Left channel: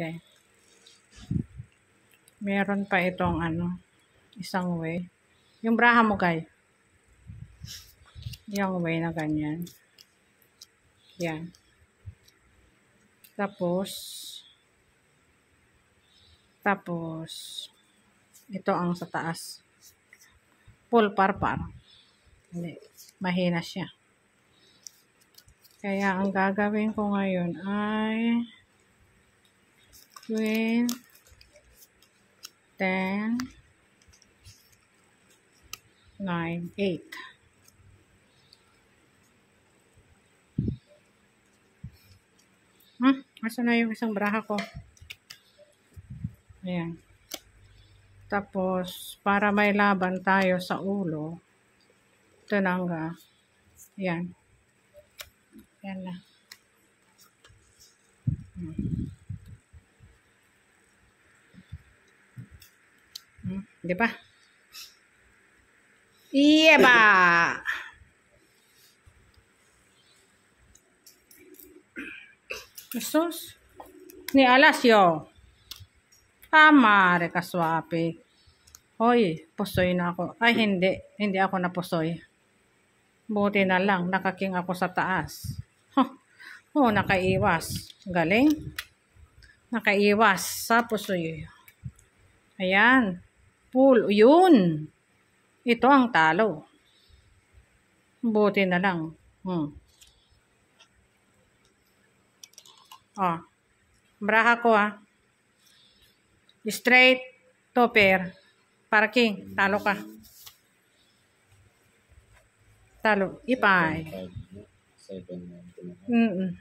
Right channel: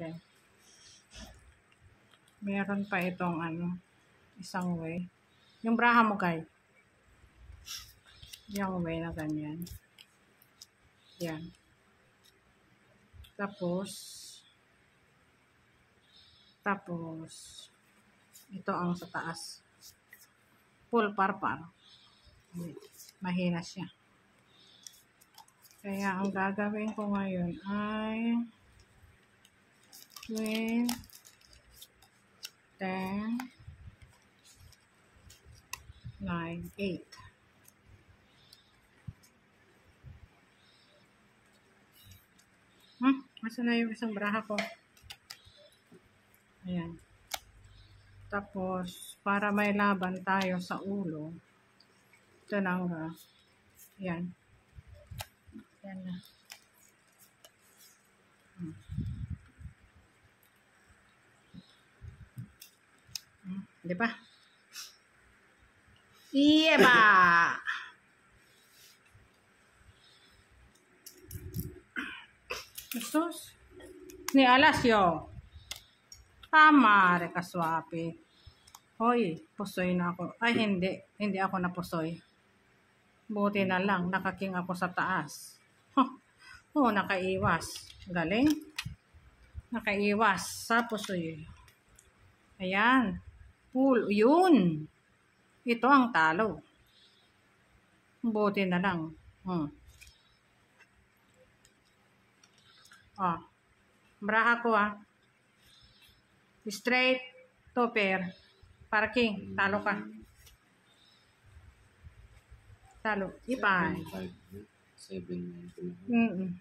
Okay. Meron pa itong isang way. Yung braha mo, guys. Yung way na ganyan. Yan. Tapos, ito ang sa taas. Full parpar. Hindi. Mahina siya. Kaya ang gagawin ko ngayon ay 12, 10, 9, 8. Asa na yung isang braha ko? Ayan. Tapos, para may laban tayo sa ulo, ito na nga. Ayan. Ayan na. Di ba? Iyeba! Jesus. Ni Alasyo. Tama, rekaswapi. Hoy, pusoy na ako. Ay, hindi. Hindi ako napusoy. Buti na lang, nakaking ako sa taas. Oh, nakaiwas. Galing. Nakaiwas sa pusoy. Ayan. Pool. Yun. Ito ang talo. Buti na lang. Oh. Braha ko Straight to pair. Parking. Talo ka. Talo. Ipay. 7, 9.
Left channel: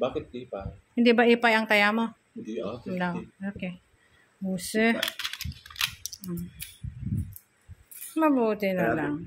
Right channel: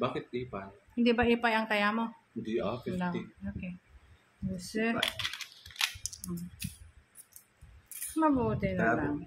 Bakit ipay? Hindi ba ipay ang taya mo? Hindi 50. No. Okay. Muse. Mabuti na lang.